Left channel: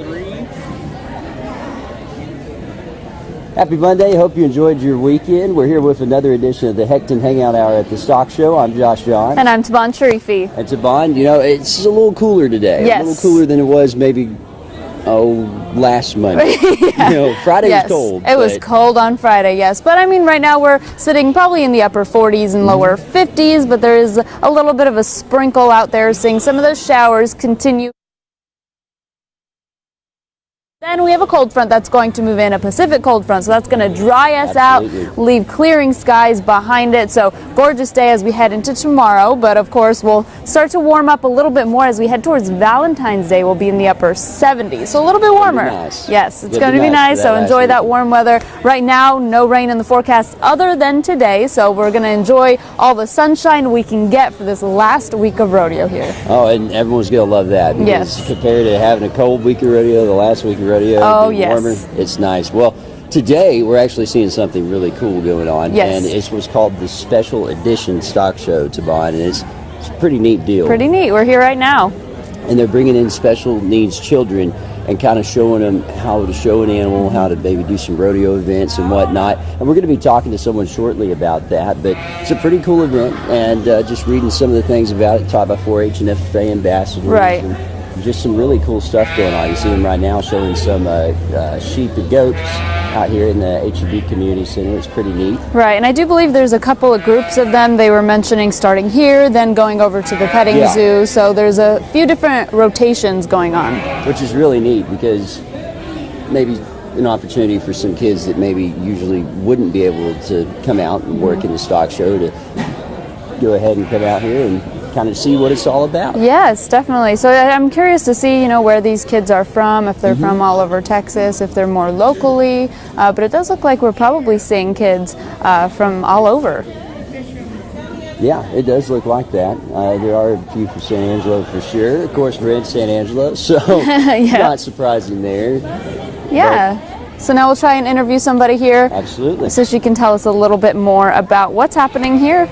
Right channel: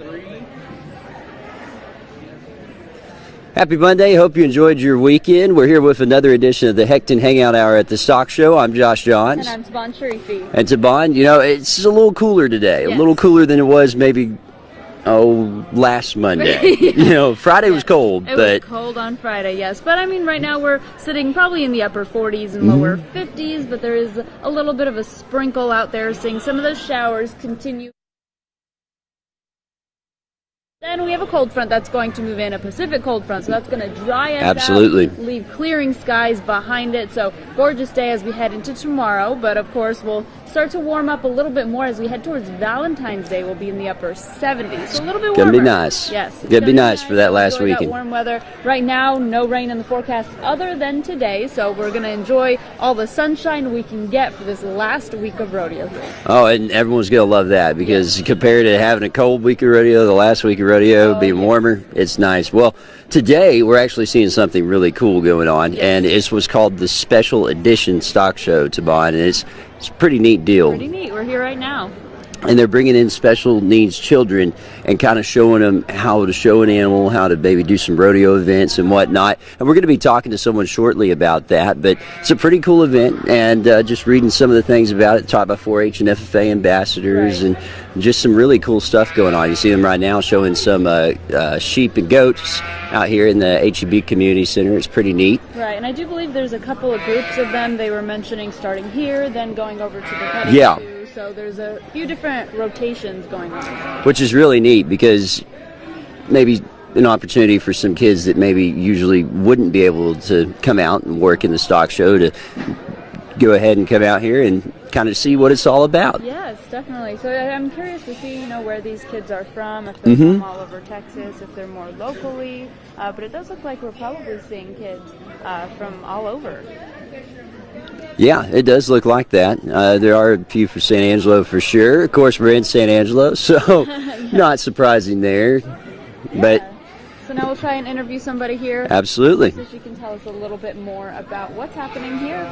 3. Happy Monday. Hope you enjoyed your weekend. We're here with another edition of the Hecton Hangout Hour at the Stock Show. I'm Josh Johns. And I'm Tabon Sharifi. And Tabon, you know, it's a little cooler today. Yes. A little cooler than it was maybe, last Monday. You know, Friday was cold. It was cold on Friday, yes. But I mean, right now we're sitting probably in the upper 40s and lower 50s, but there is a little bit of a sprinkle out there, seeing some of those showers continue. Then we have a cold front that's going to move in, a Pacific cold front, so that's going to dry us out, leave clearing skies behind it. So gorgeous day as we head into tomorrow, but of course we'll start to warm up a little bit more as we head towards Valentine's Day. We'll be in the upper 70s, so a little bit warmer. It's going to be nice. Yes, it's going to be nice, so enjoy that warm weather. Right now, no rain in the forecast other than today, so we're going to enjoy all the sunshine we can get for this last week of rodeo here. Oh, and everyone's going to love that because compared to having a cold week of rodeo, the last week of rodeo being warmer, it's nice. Well, today we're actually seeing something really cool going on, and it's what's called the Special Edition Stock Show, Tabon, and it's a pretty neat deal. Pretty neat. We're here right now. And they're bringing in special needs children and kind of showing them how to show an animal, how to maybe do some rodeo events and whatnot. And we're going to be talking to someone shortly about that. But it's a pretty cool event, and just reading some of the things about it, taught by 4-H and FFA ambassadors, and just some really cool stuff going on. You see them right now showing some sheep and goats out here in the HEB Community Center. It's pretty neat. Right, and I do believe there's a couple of groups of them. They were mentioning starting here, then going over to the petting zoo. So there's a few different rotations going on. Which is really neat because maybe an opportunity for some kids that maybe usually wouldn't be able to come out and work in the stock show to go ahead and come out here and kind of see what it's all about. Yes, definitely. So I'm curious to see, where these kids are from, if they're from all over Texas, if they're more locally, but it does look like we're probably seeing kids from all over. Yeah, it does look like that. There are a few from San Angelo for sure. Of course, we're in San Angelo, so not surprising there. Yeah. So now we'll try and interview somebody here. Absolutely. So she can tell us a little bit more about what's happening here.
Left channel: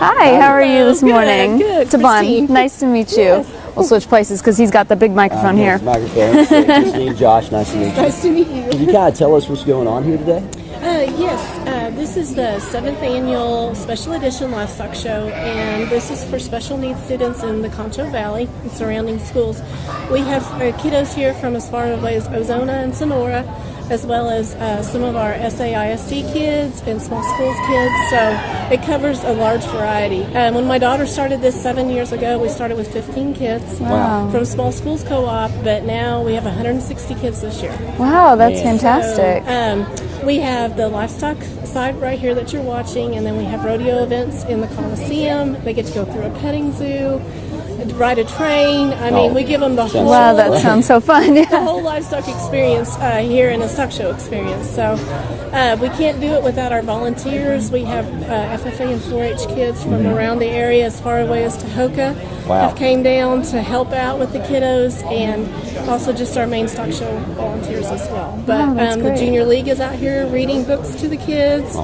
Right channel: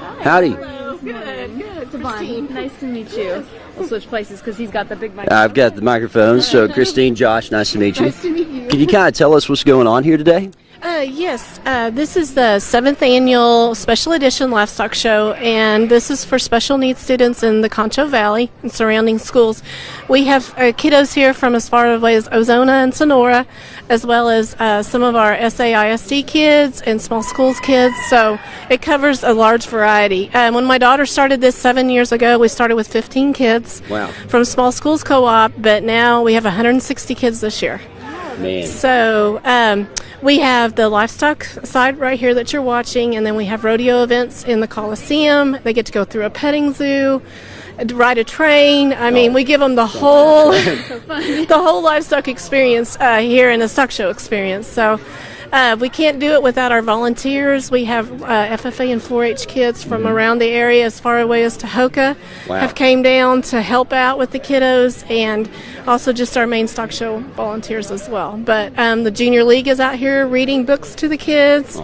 Hi, how are you this morning? Good. Tabon, nice to meet you. Yes. We'll switch places because he's got the big microphone here. I've got the microphone. So Christine, Josh, nice to meet you. Nice to meet you. Can you kind of tell us what's going on here today? Yes, this is the 7th annual Special Edition Livestock Show, and this is for special needs students in the Concho Valley and surrounding schools. We have kiddos here from as far away as Ozona and Sonora, as well as some of our SAISD kids and small schools kids, so it covers a large variety. When my daughter started this 7 years ago, we started with 15 kids from small schools co-op, but now we have 160 kids this year. Wow, that's fantastic. So we have the livestock side right here that you're watching, and then we have rodeo events in the Coliseum. They get to go through a petting zoo, ride a train. I mean, we give them the whole. Wow, that sounds so fun. The whole livestock experience here in a stock show experience. So we can't do it without our volunteers. We have FFA and 4-H kids from around the area, as far away as Tahoka, have came down to help out with the kiddos, and also just our main stock show volunteers as well. But the Junior League is out here reading books to the kids.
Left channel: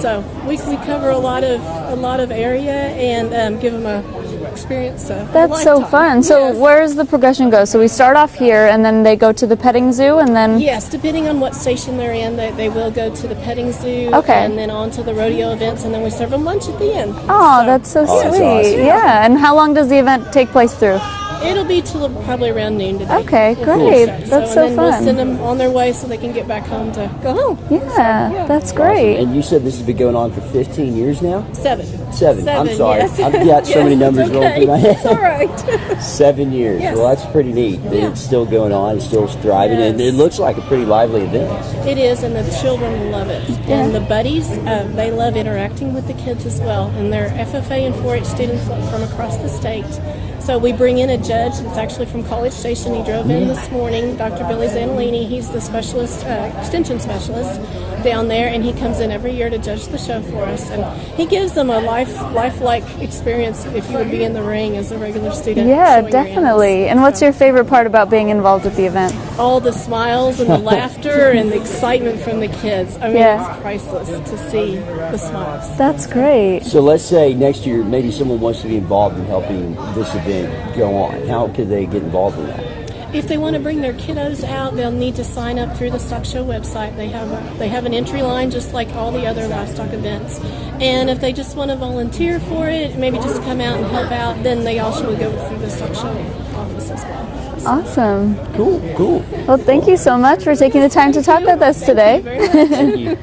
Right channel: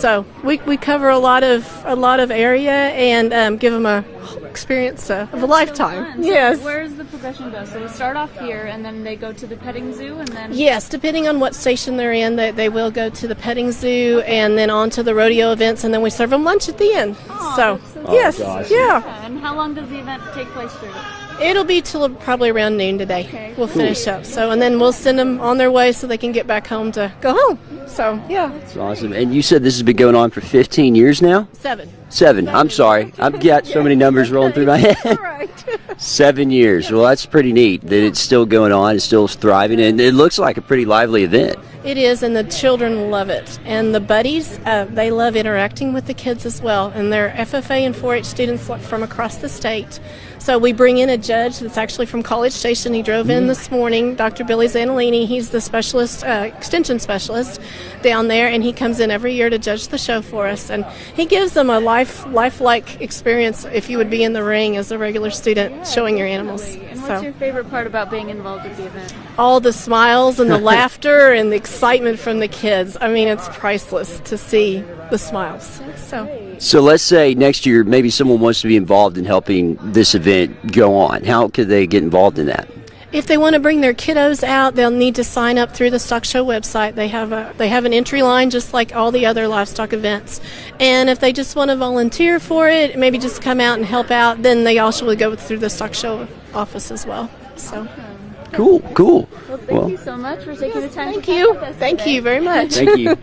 So we cover a lot of area and give them a experience. That's so fun. So where does the progression go? So we start off here, and then they go to the petting zoo, and then depending on what station they're in, they will go to the petting zoo, and then on to the rodeo events, and then we serve them lunch at the end. Oh, that's so sweet. Awesome. Yeah. And how long does the event take place through? It'll be till probably around noon today. Okay, we'll great. Finish up. That's and then we'll fun. send them on their way so they can get back home to go home. Yeah, that's great. Awesome. And you said this has been going on for 15 years now? 7. I'm sorry. Yes. I've got so many numbers rolling through my head. It's all right. 7 years. Well, that's pretty neat that it's still going on. It's still thriving. And it looks like a pretty lively event. It is, and the children love it. And the buddies, they love interacting with the kids as well. And they're FFA and 4-H students from across the state. So we bring in a judge that's actually from College Station. He drove in this morning, Dr. Billy Zanolini. He's the specialist, extension specialist. down there, and he comes in every year to judge the show for us, and he gives them a lifelike experience if you would be in the ring as a regular student showing your animals. Yeah, definitely. And what's your favorite part about being involved with the event? All the smiles and the laughter and the excitement from the kids. I mean, it's priceless to see the smiles. That's great. So let's say next year maybe someone wants to be involved in helping this event go on. How could they get involved in that? If they want to bring their kiddos out, they'll need to sign up through the stock show website. They have an entry line just like all the other livestock events. And if they just want to volunteer for it, maybe just come out and help out, then they also will go through the stock show office as well. So. Awesome. Cool. Well, thank you so much for taking the time to talk with us today. Thank you very much. Thank you.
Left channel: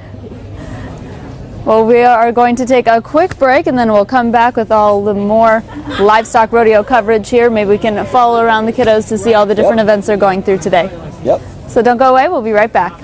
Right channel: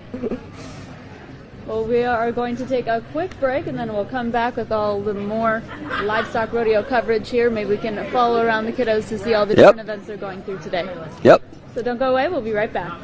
Well, we are going to take a quick break, and then we'll come back with all the more livestock rodeo coverage here. Maybe we can follow around the kiddos to see all the different events they're going through today. Yep. So don't go away. We'll be right back.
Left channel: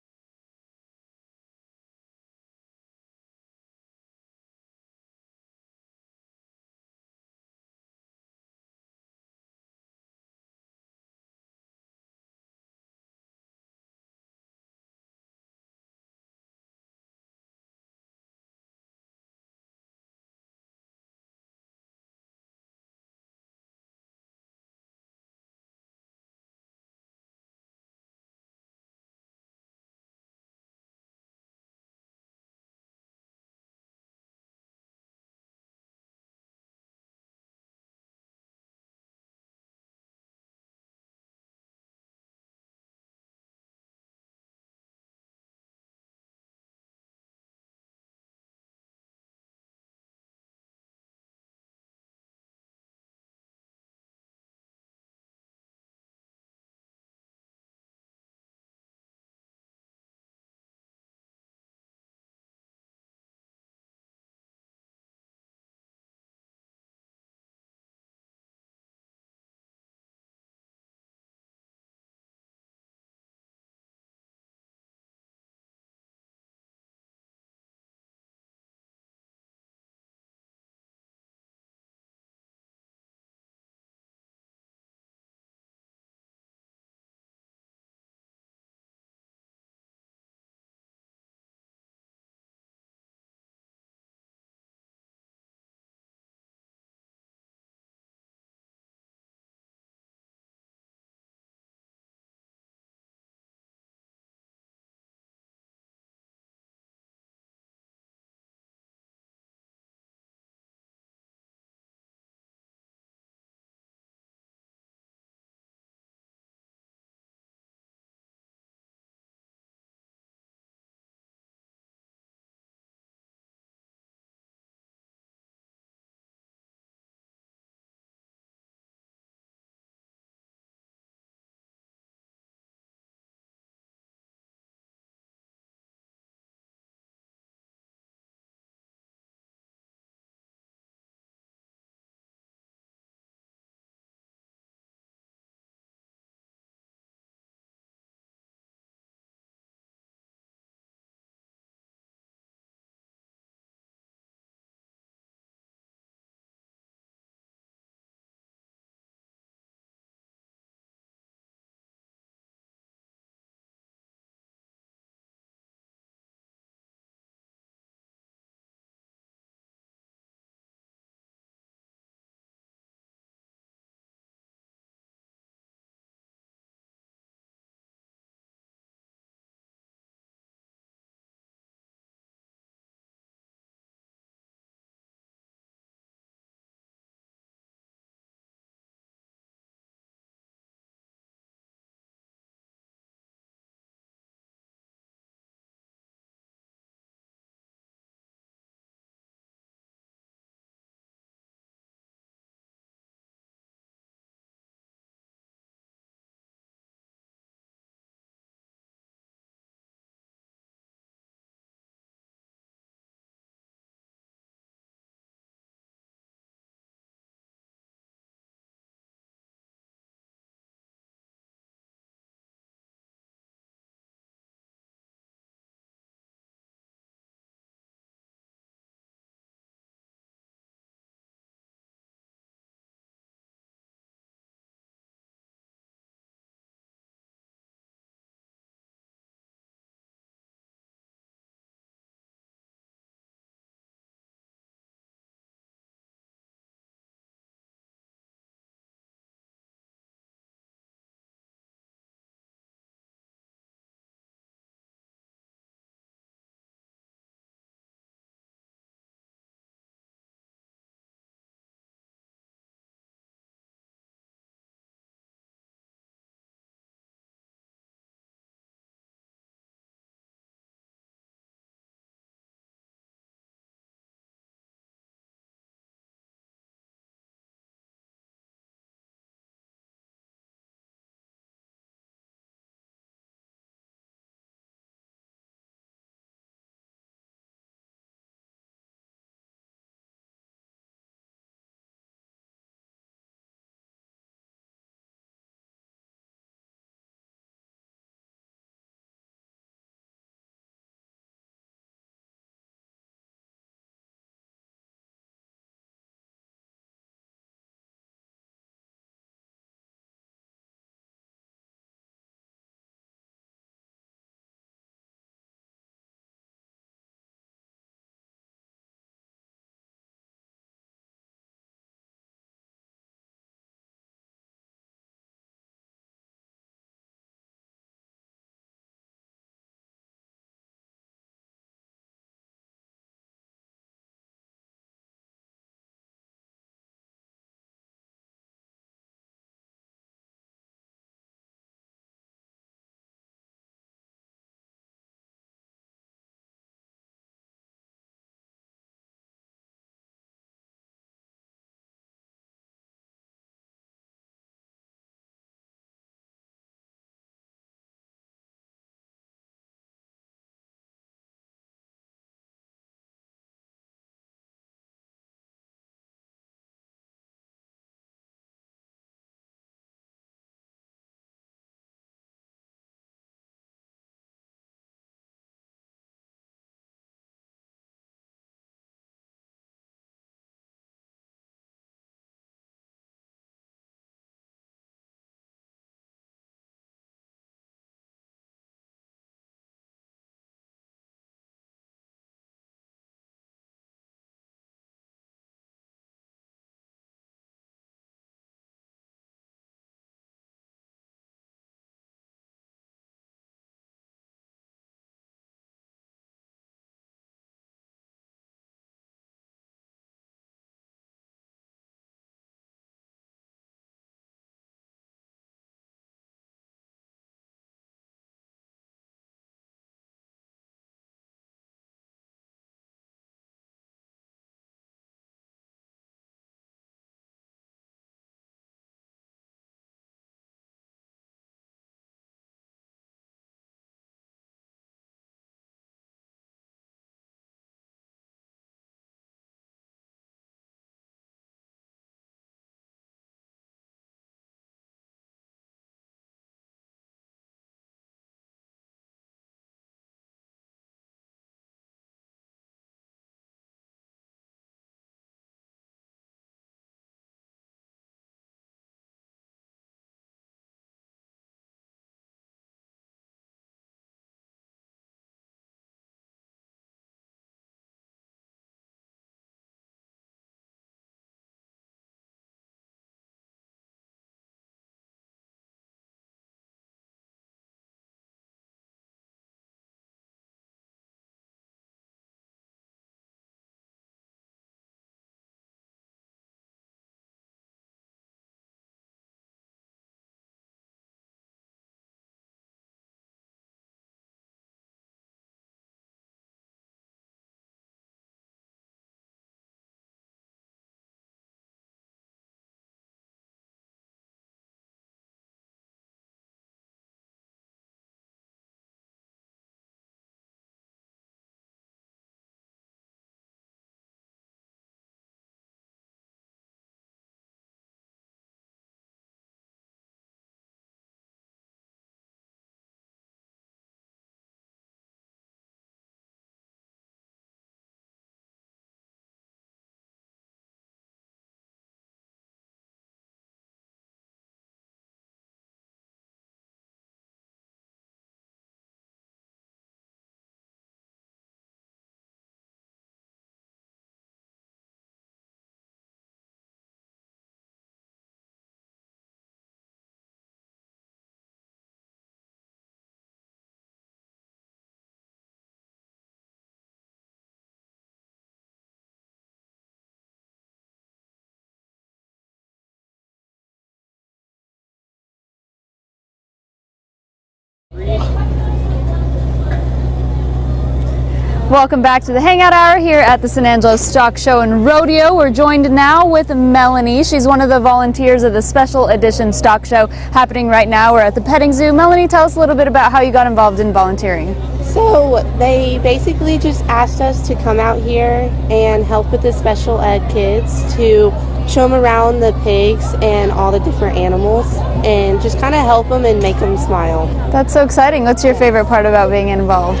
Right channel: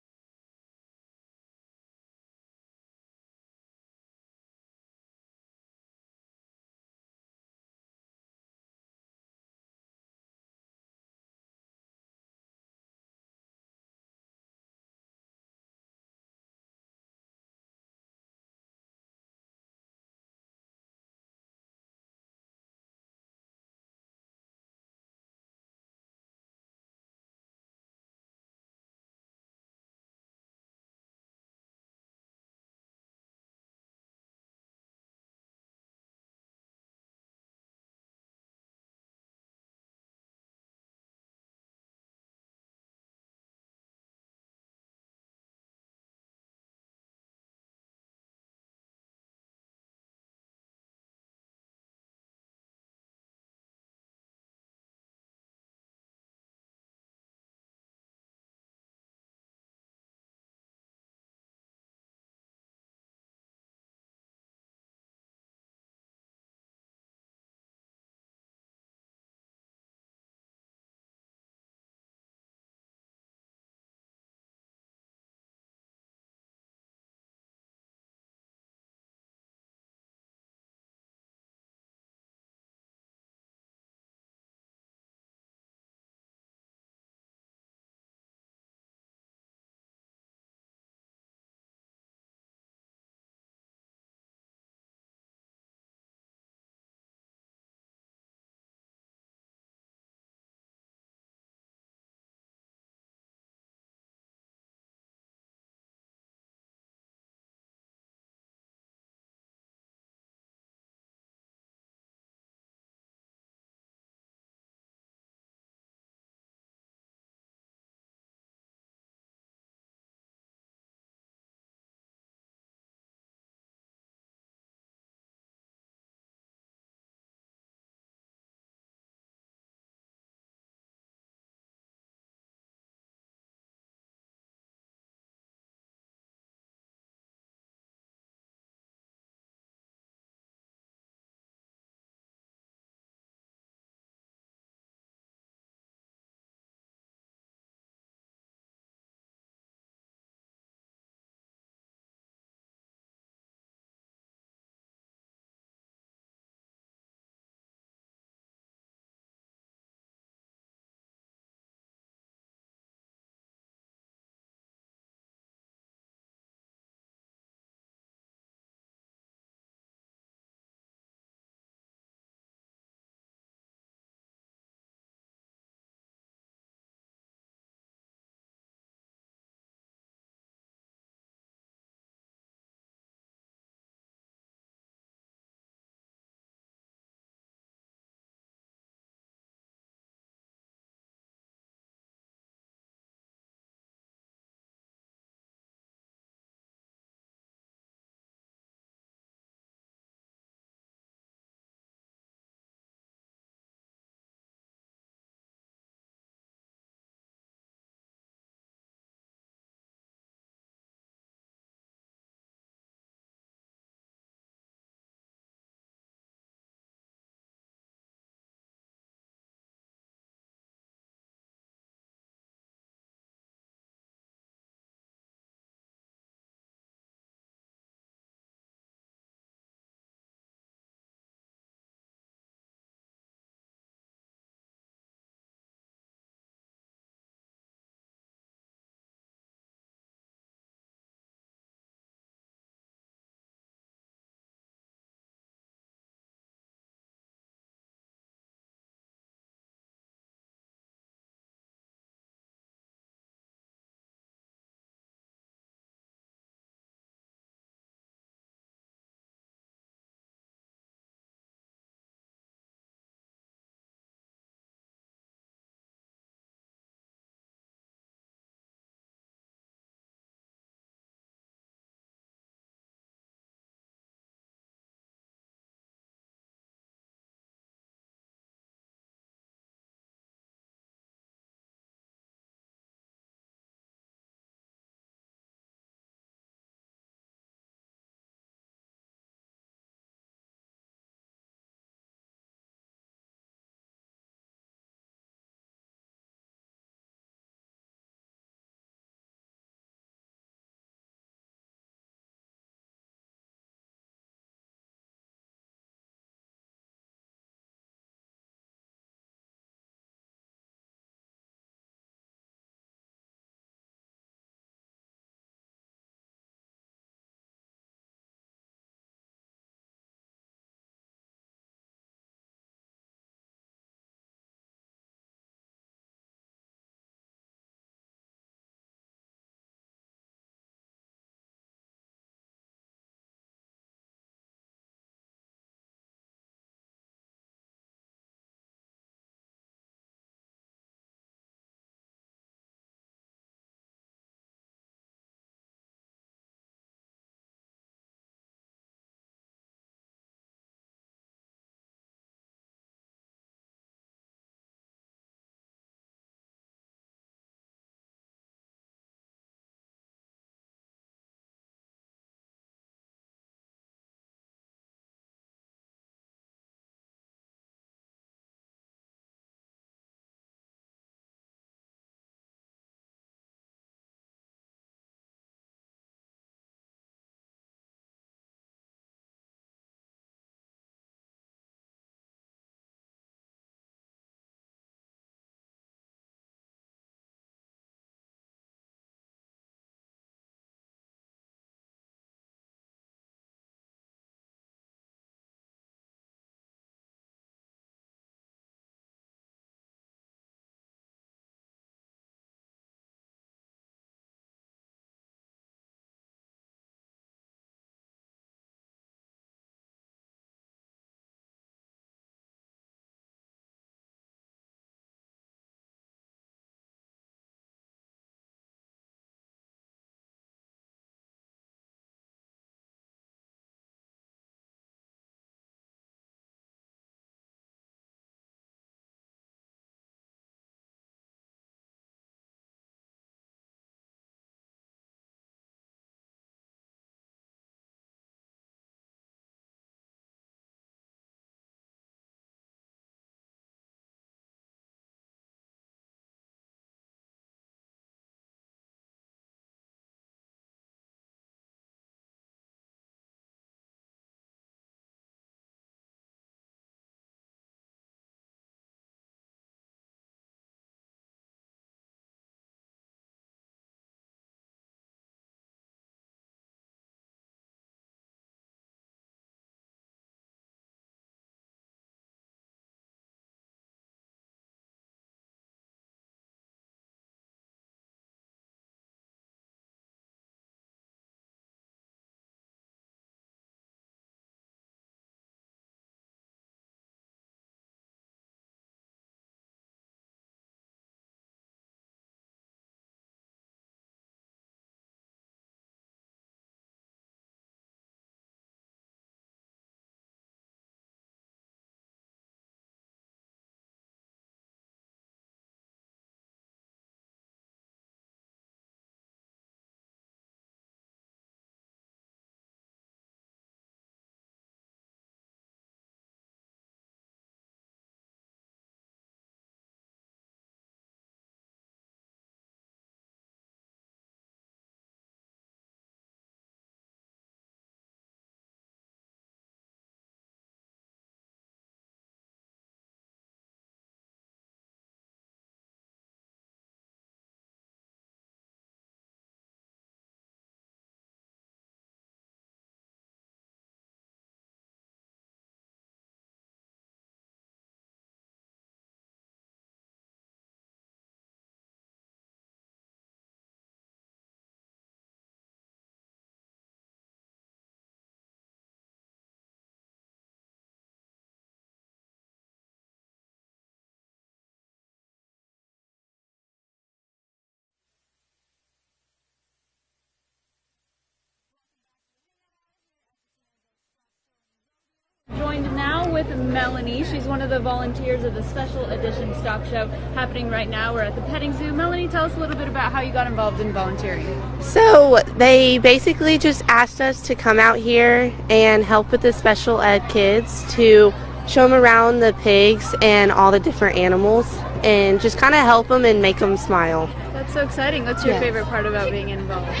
Welcome back to the Hangout Hour here at the San Angelo Stock Show and Rodeo. We're joined now with Melanie. She's one of the volunteers of the special edition stock show happening right now. We're at the petting zoo. Melanie, tell us a little bit about how you got involved in volunteering. So they basically just asked us to come out here and help with the special ed kids to show them around the pigs and all the different animals and just kind of help them and make them smile. That's so exciting. What's your favorite part about being involved?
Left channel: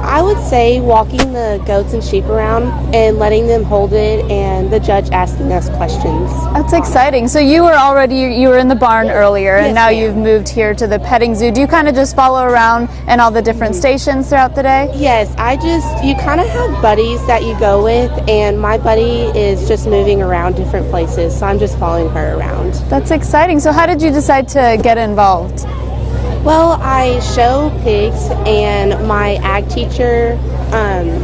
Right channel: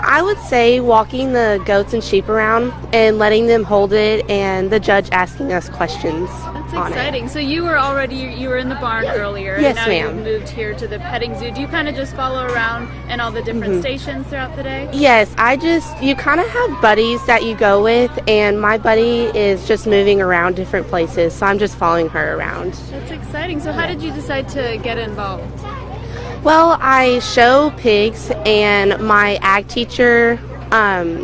I would say walking the goats and sheep around and letting them hold it and the judge asking us questions. That's exciting. So you were in the barn earlier, and yes, now ma'am. you've moved here to the petting zoo. Do you kind of just follow around and all the different stations throughout the day? Yes, you kind of have buddies that you go with, and my buddy is just moving around different places, so I'm just following her around. That's exciting. So how did you decide to get involved? Well, I show pigs, and my ag teacher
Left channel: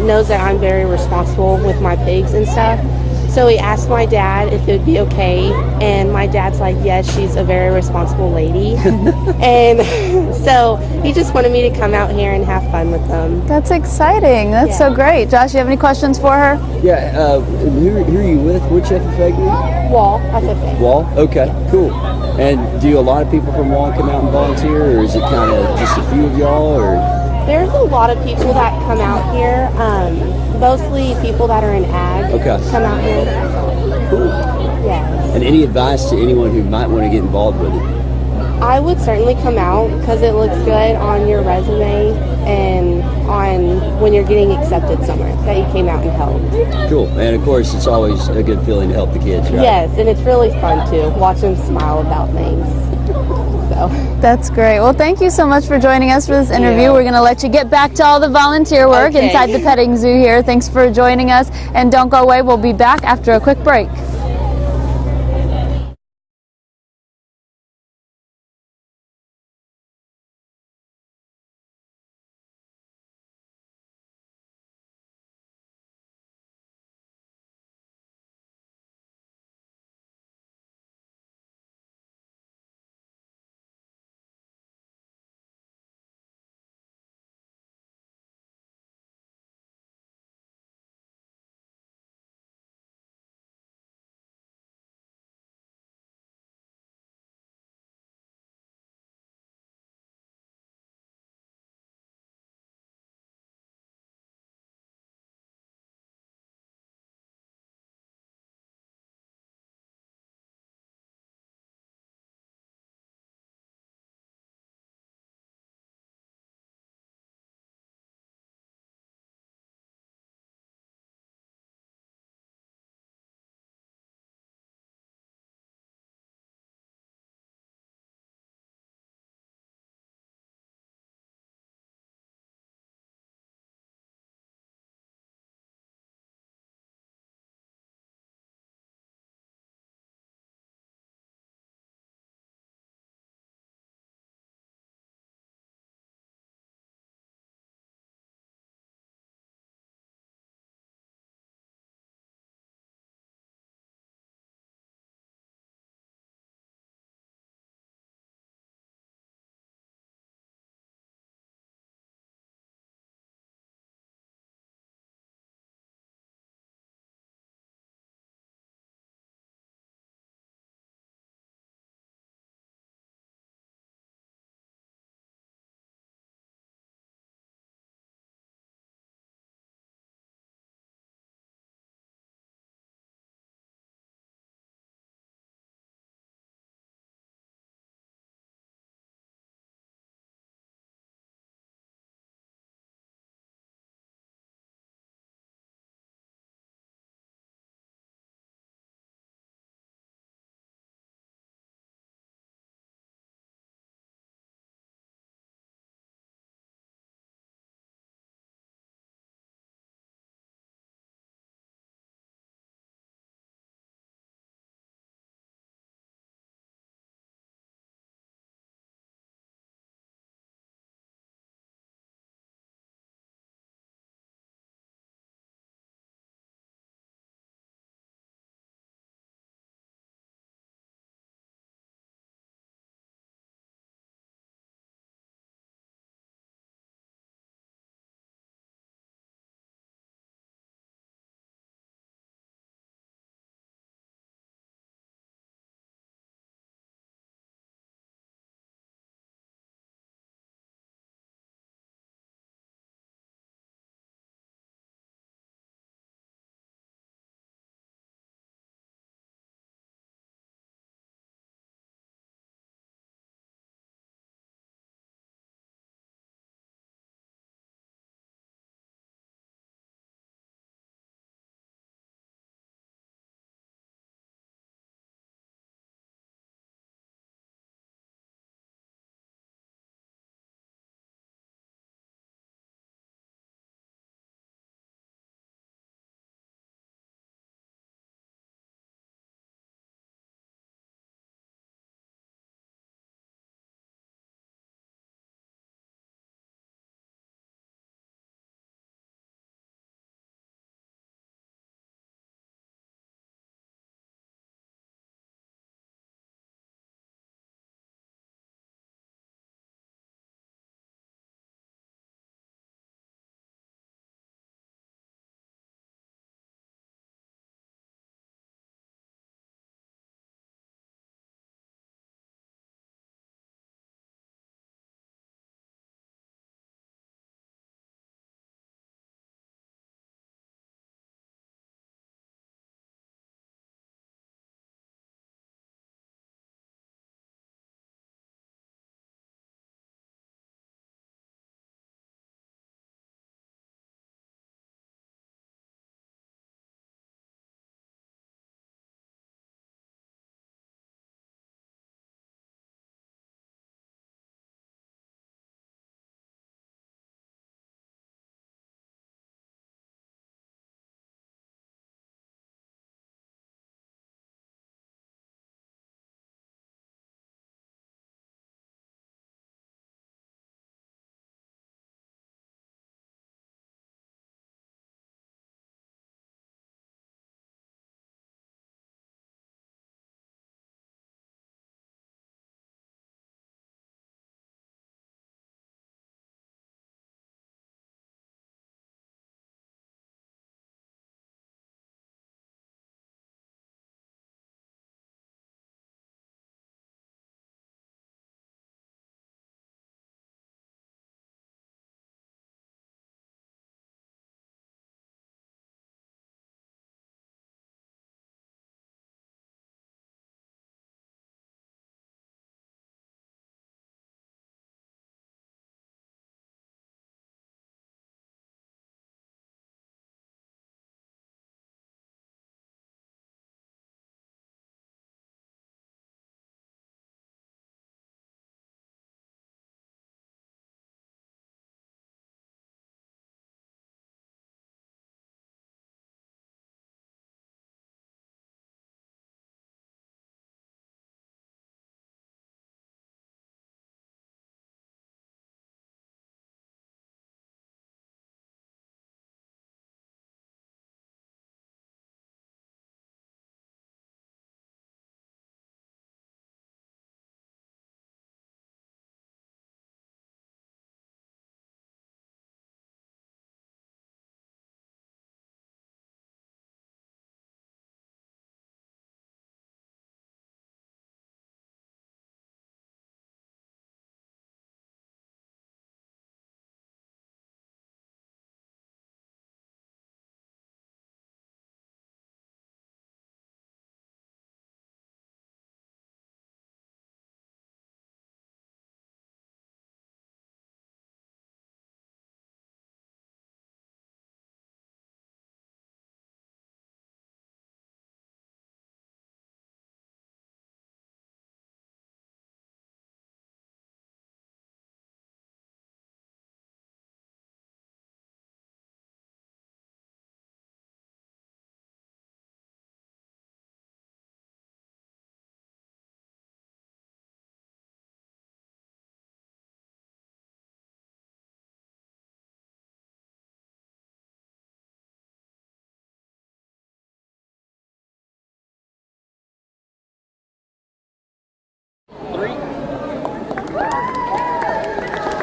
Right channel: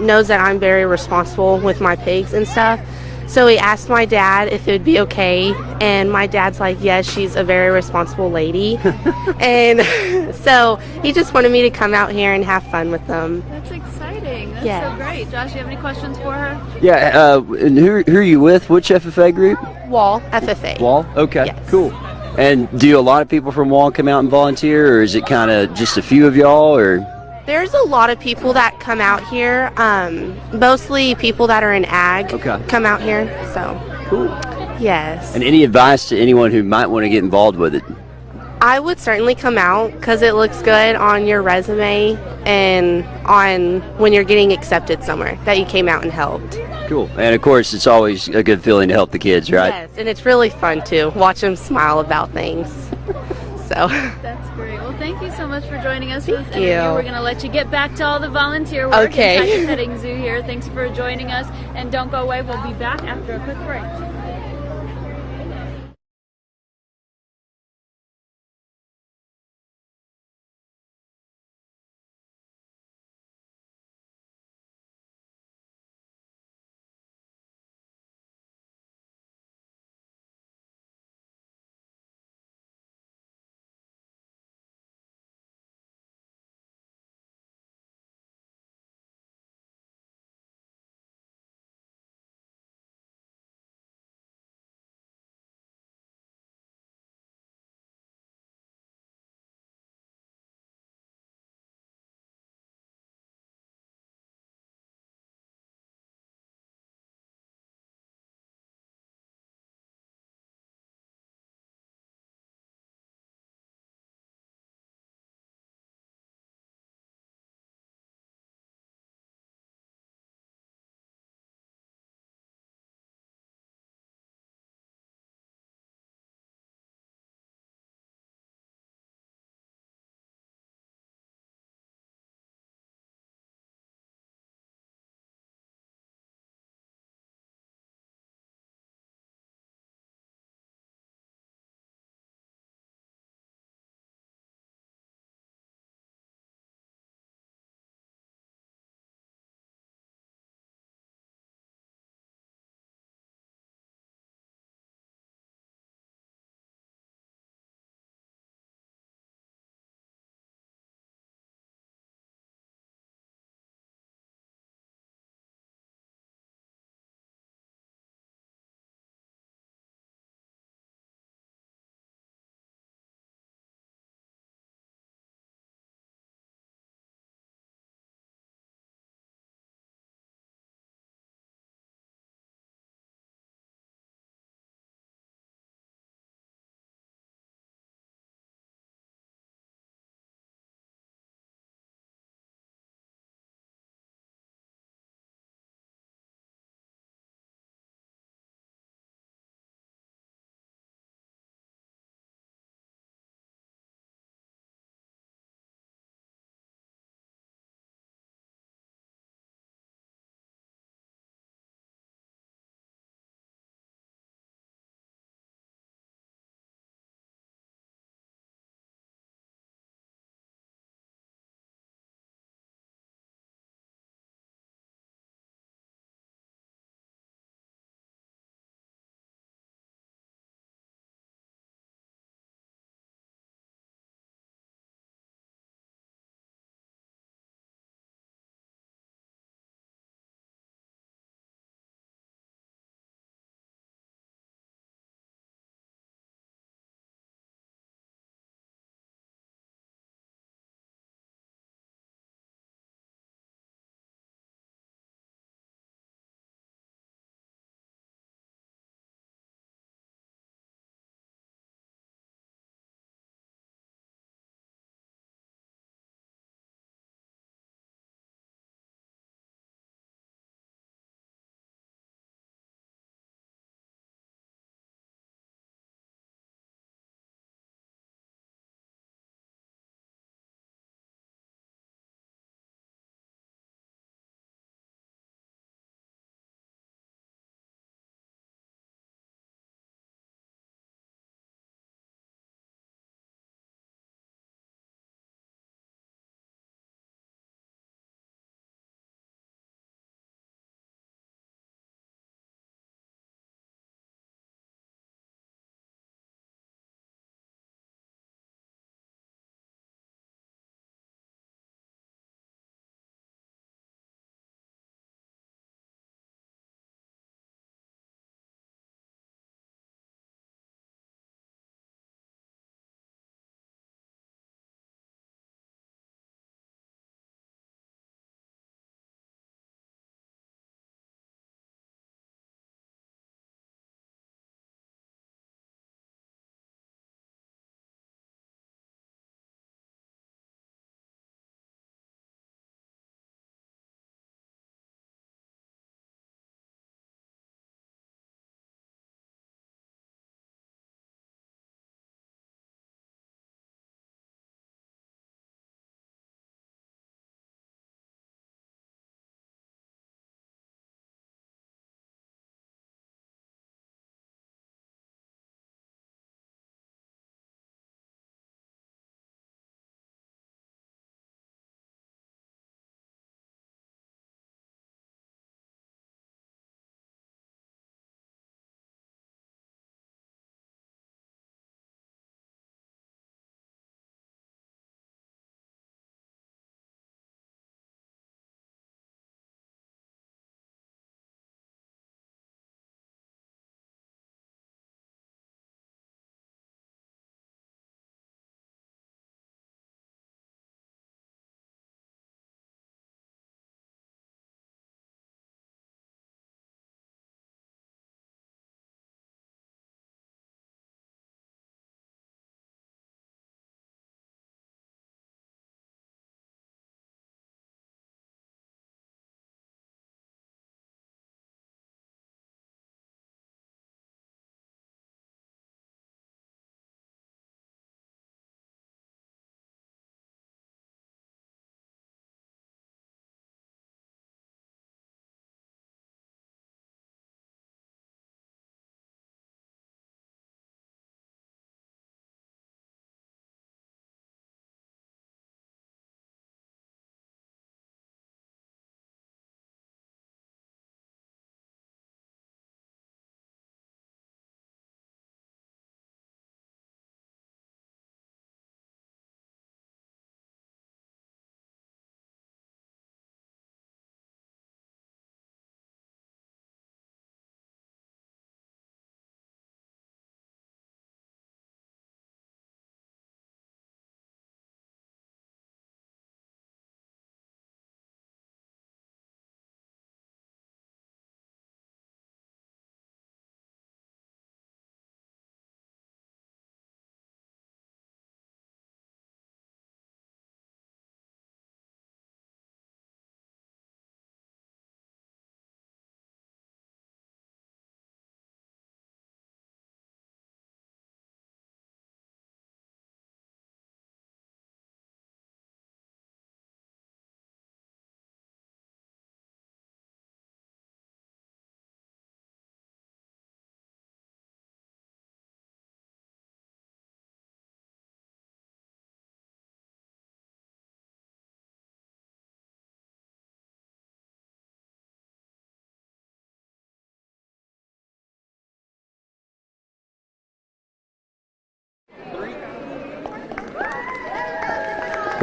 knows that I'm very responsible with my pigs and stuff. So he asked my dad if it would be okay, and my dad's like, yes, she's a very responsible lady. And so he just wanted me to come out here and have fun with them. That's exciting. That's so great. Josh, you have any questions for her? Yeah, and who are you with? Which FFA group? Wall, FFA. Wall? Okay, Yes. cool. And do a lot of people from Wall come out and volunteer, or is it kind of just a few of y'all? Or There's a lot of people that come out here, mostly people that are in ag come out here. So, cool. Yes. And any advice to anyone who might want to get involved with it? I would certainly come out because it looks good on your resume and on when you're getting accepted somewhere that you came out and helped. Cool. And of course, it's always a good feeling to help the kids, right? Yes, and it's really fun to watch them smile about things. So That's great. Well, thank you so much for joining us for this interview. you. We're going to let you get back to all the volunteer work Okay. inside the petting zoo here. Thanks for joining us, and don't go away. We'll be back after a quick break.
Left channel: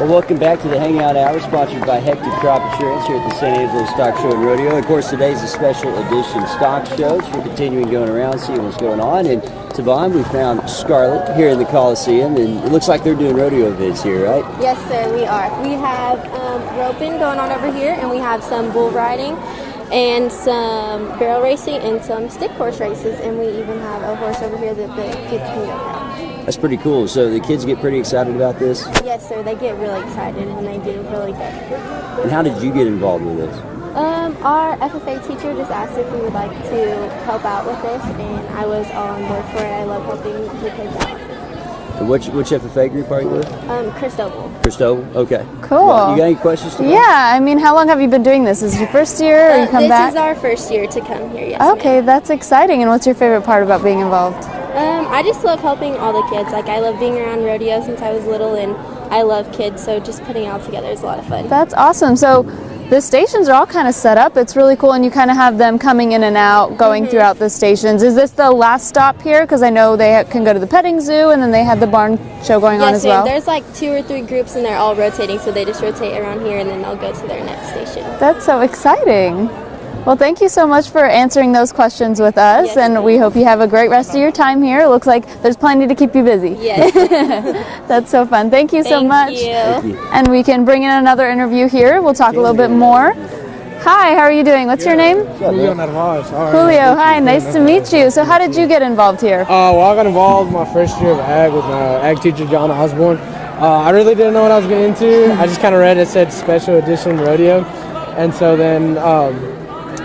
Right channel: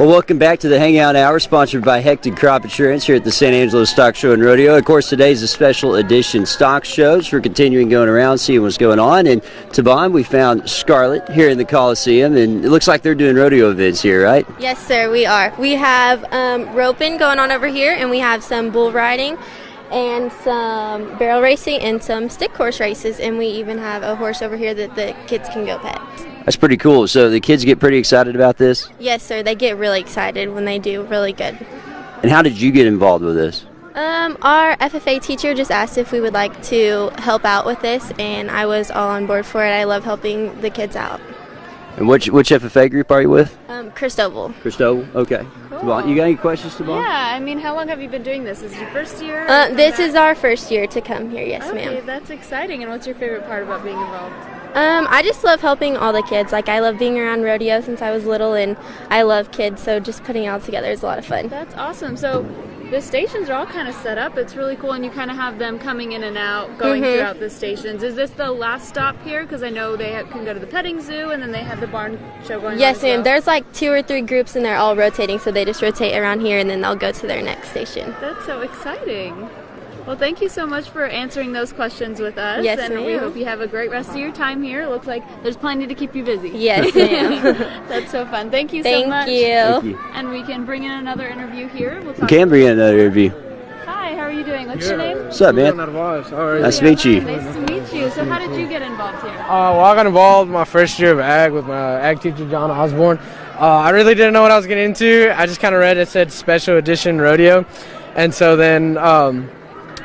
Well, welcome back to the Hangout Hour, sponsored by Hectic Crop Insurance here at the San Angelo Stock Show and Rodeo. Of course, today's a special edition stock show, so we're continuing going around, seeing what's going on. And Tavon, we found Scarlett here in the Coliseum, and it looks like they're doing rodeo events here, right? Yes, sir, we are. We have roping going on over here, and we have some bull riding and some barrel racing and some stick horse races, and we even have a horse over here that the kids can go pet. That's pretty cool. So the kids get pretty excited about this? Yes, sir, they get really excited when they do really good. And how did you get involved with this? Our FFA teacher just asked if we would like to help out with this, and I was all on board for it. I love helping the kids out. And which FFA group are you with? Cristobal. Cristobal, okay. Cool. Well, you got any questions tomorrow? Yeah, I mean, how long have you been doing this? Is it your first year? Or you come this back? is our first year to come here, yes, Okay, ma'am. that's exciting. And what's your favorite part about being involved? I just love helping all the kids. Like, I love being around rodeo since I was little, and I love kids, so just putting it all together is a lot of fun. That's awesome. So the stations are all kind of set up. It's really cool, and you kind of have them coming in and out, going throughout the stations. Is this the last stop here? Because I know they can go to the petting zoo, and then they had the barn show going on as well. Yes, ma'am. There's like 2 or 3 groups, and they're all rotating, so they just rotate around here, and then they'll go to their next station. That's so exciting. Well, thank you so much for answering those questions with us, Yes, and we hope you have a great rest of your time here. It looks like there's plenty to keep you busy. Yes, ma'am. That's so fun. Thank you so much. Thank you. And we can bring in another interview here. We'll talk a little bring bit in another more. interview. Hi, how are you doing? What's your name? What's up, man? Julio, Nice to meet hi, you. nice to meet you. So how did you get involved here? Well, I got involved my first year of ag with my ag teacher, John Osborne. I really didn't know what I was getting into. I just kind of read it said special edition rodeo. And so then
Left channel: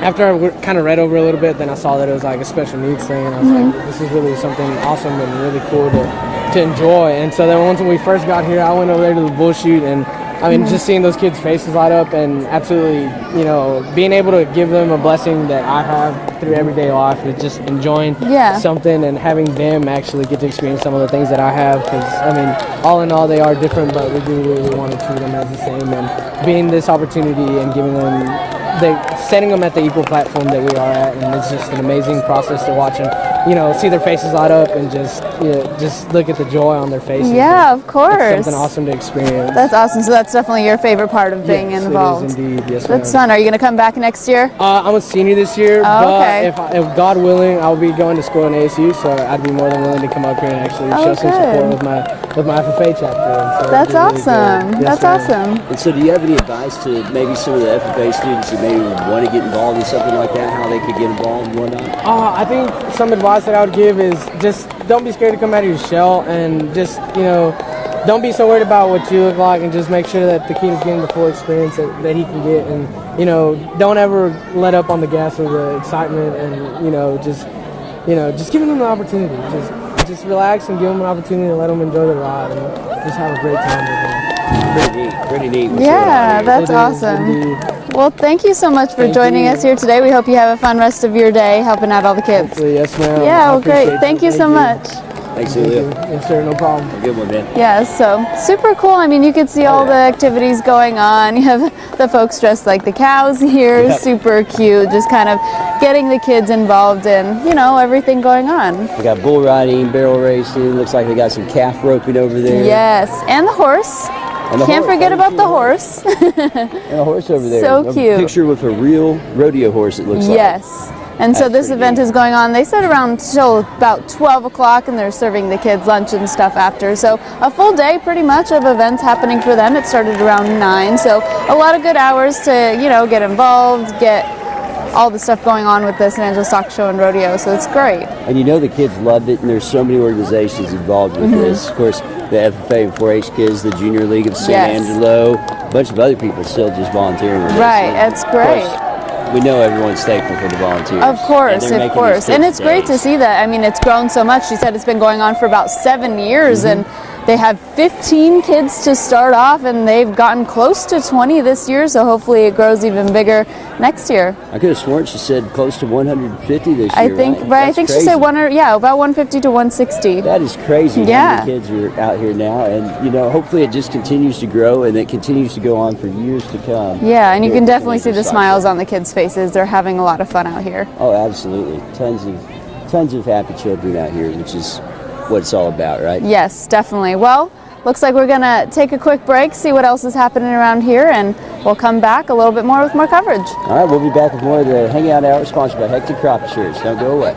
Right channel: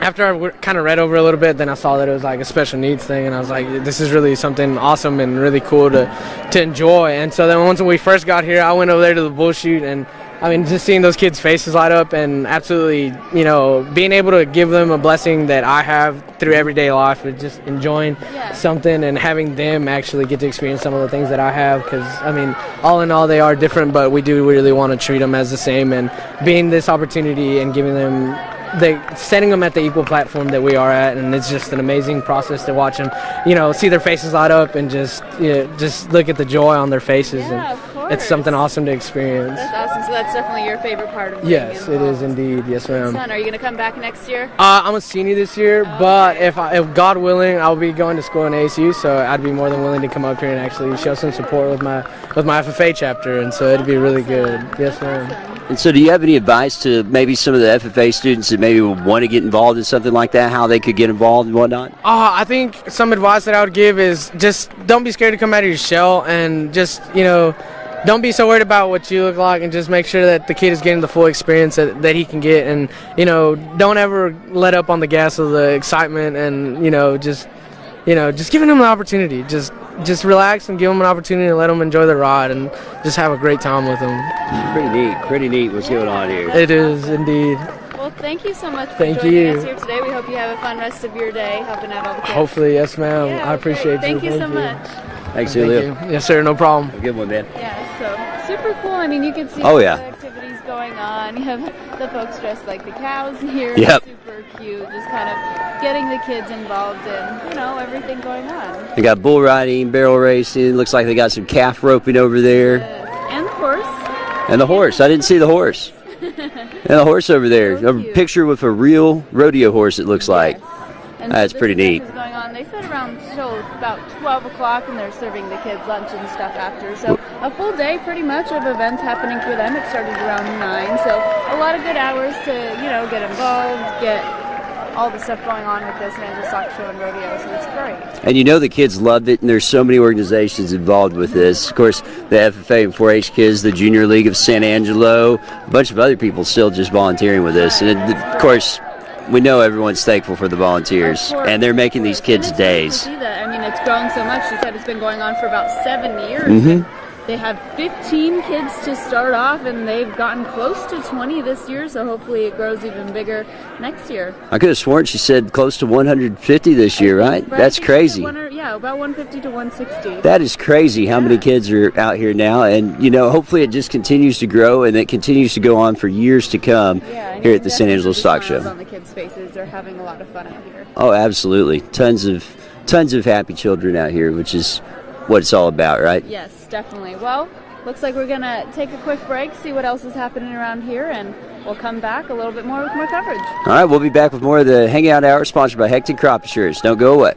after I kind of read over a little bit, then I saw that it was like a special needs thing. And I was like, this is really something awesome and really cool to enjoy. And so then once we first got here, I went over there to the bull shoot, and I mean, just seeing those kids' faces light up and absolutely, you know, being able to give them a blessing that I have through everyday life is just enjoying something and having them actually get to experience some of the things that I have. Because, I mean, all in all, they are different, but we do really want to treat them as the same. And being this opportunity and giving them, setting them at the equal platform that we are at, and it's just an amazing process to watch them, you know, see their faces light up and just, you know, just look at the joy on their faces. Yeah, of course. It's something awesome to experience. That's awesome. So that's definitely your favorite part of being involved. It is indeed. Yes, That's ma'am. fun. Are you going to come back next year? I'm a senior this year, okay. but if God willing, I'll be going to school in ASU, so I'd be more than willing to come up here and actually show some support with my FFA chapter, and so That's it'd be really awesome. good. Yes, That's ma'am. awesome. And so do you have any advice to maybe some of the FFA students that maybe would want to get involved in something like that, how they could get involved and whatnot? I think some advice that I would give is just don't be scared to come out of your shell, and just, you know, don't be so worried about what you look like, and just make sure that the kid is getting the full experience that he can get. And, you know, don't ever let up on the gas of the excitement, and, just giving them the opportunity. Just relax and give them an opportunity to let them enjoy the ride and just have a great time with them. Pretty neat. What's going on here? That's It is awesome. indeed. Well, thank you so much for Thank joining you. us here today. We hope you have a fun rest of your day helping out all the kids. Hopefully, yes, ma'am. Yeah, I well, great. appreciate Thank it. you so much. Thanks, Julio. Yes, sir, no problem. Have a good one, man. Yeah, so super cool. I mean, you can see all the activities going on. You have the folks dressed like the cows here. Yep. Super cute. Just kind of getting the kids involved in, everything going on. They got bull riding, barrel racing. Looks like they got some calf roping over there. Yes, and the horse. And the Can't horse. forget I didn't about see the horse. And the horse over there. So A cute. picture with a real rodeo horse, it looks like. Yes. And so That's this pretty event neat. is going on, they said around till about 12 o'clock, and they're serving the kids lunch and stuff after. So a full day pretty much of events happening for them. It started around 9, so a lot of good hours to, get involved, get all the stuff going on with the San Angelo Stock Show and Rodeo, so it's great. And the kids loved it, and there's so many organizations involved with this. Of course, the FFA and 4-H Kids, the Junior League of San Angelo, a bunch of other people still just volunteering with this. Right, And that's of great. course, we know everyone's thankful for the volunteers. Of course, and they're making these kids' and it's great to days. see that. I mean, it's grown so much. She said it's been going on for about 7 years, and they had 15 kids to start off, and they've gotten close to 20 this year, so hopefully it grows even bigger next year. I could have sworn she said close to 150 this year, right? I think crazy. she said about 150 to 160. That is crazy how Yeah. many kids are out here now, and hopefully it just continues to grow and it continues to go on for years to come. Yeah, and you here can at the San definitely see Angelo the Stock smiles Show. on the kids' faces. They're having a lot of fun out here. Oh, absolutely. Tons of happy children out here, which is what it's all about, right? Yes, definitely. Well, looks like we're going to take a quick break, see what else is happening around here, and we'll come back a little bit more with more coverage. All right, we'll be back with more of the Hangout Hour, sponsored by Hectic Crop Insurance. Don't go away.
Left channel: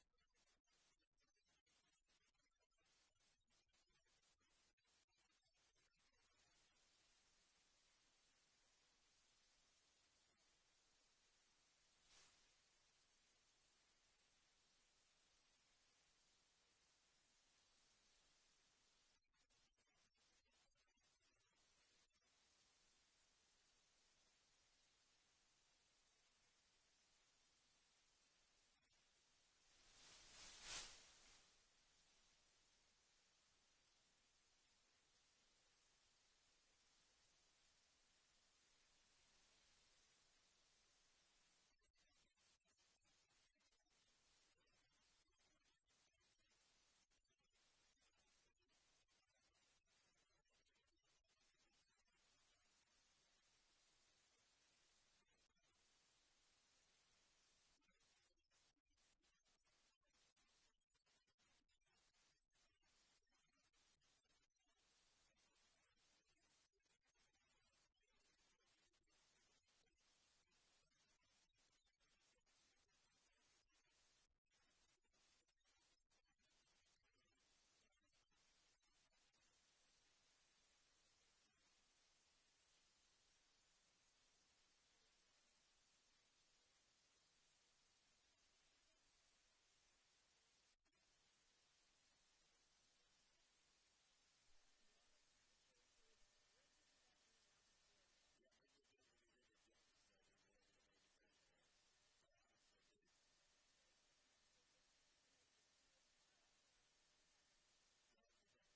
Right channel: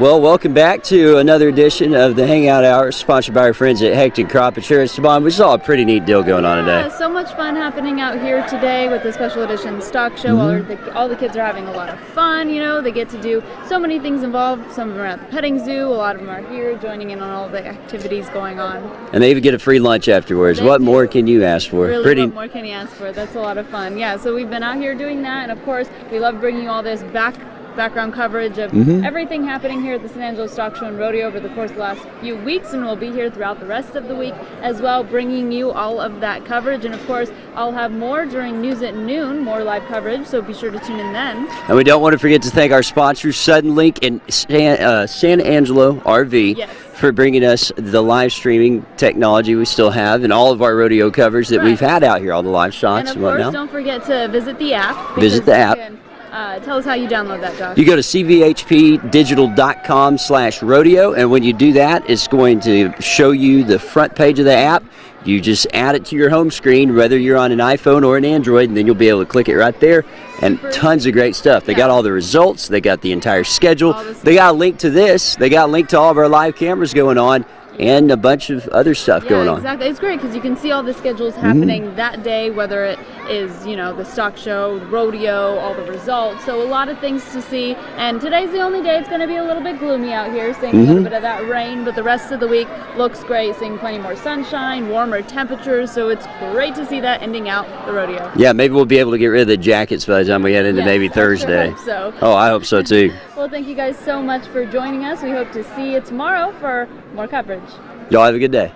Well, welcome back to another edition of the Hangout Hour, sponsored by our friends at Hectic Crop Insurance. Devon, we saw a pretty neat deal going on today. So much fun happening out here today with the special edition stock show. All the kids are having a lot of fun, you know. They get to do so many things involved. Some of them are at the petting zoo. A lot of them are here joining in on all the activities going on. And they even get a free lunch afterwards. What more can you ask for? Really, what more can you ask for? That's a lot of fun. Yeah, so we've been out here doing that. And, of course, we love bringing you all this background coverage of everything happening here at the San Angelo Stock Show and Rodeo over the course of the last few weeks, and we'll be here throughout the rest of the week as well, bringing you all of that coverage. And of course, I'll have more during news at noon, more live coverage, so be sure to tune in then. And we don't want to forget to thank our sponsors, Sudden Link and San Angelo RV. Yes. For bringing us the live streaming technology we still have and all of our rodeo covers that we've had out here, all the live shots and of course, don't forget to visit the app. Visit the app. Tell us how you download that, Josh. You go to cvhpdigital.com/rodeo, and when you do that, it's going to show you the front page of the app. You just add it to your home screen, whether you're on an iPhone or an Android, and then you'll be able to click it right there. And tons of great stuff. They got all the results. They got the entire schedule. They got a link to this. They got a link to all of our live cameras going on. And a bunch of other stuff going on. Exactly. It's great because you can see all the schedules happening that day, whether it is, you know, the stock show, the rodeo, all the results. So a lot of things to see. And today's the only day it's going to be a little bit gloomy out here, seeing a little bit of that rain. But the rest of the week looks great, seeing plenty more sunshine, warmer temperatures. So it's great to see that ending out the rodeo. Yeah, maybe we'll be able to get rid of the jackets by the time we head into maybe Thursday. I hope so. Oh, I hope so too. Well, thank you guys so much for joining us. We hope to see you tomorrow for more coverage. Y'all have a good day.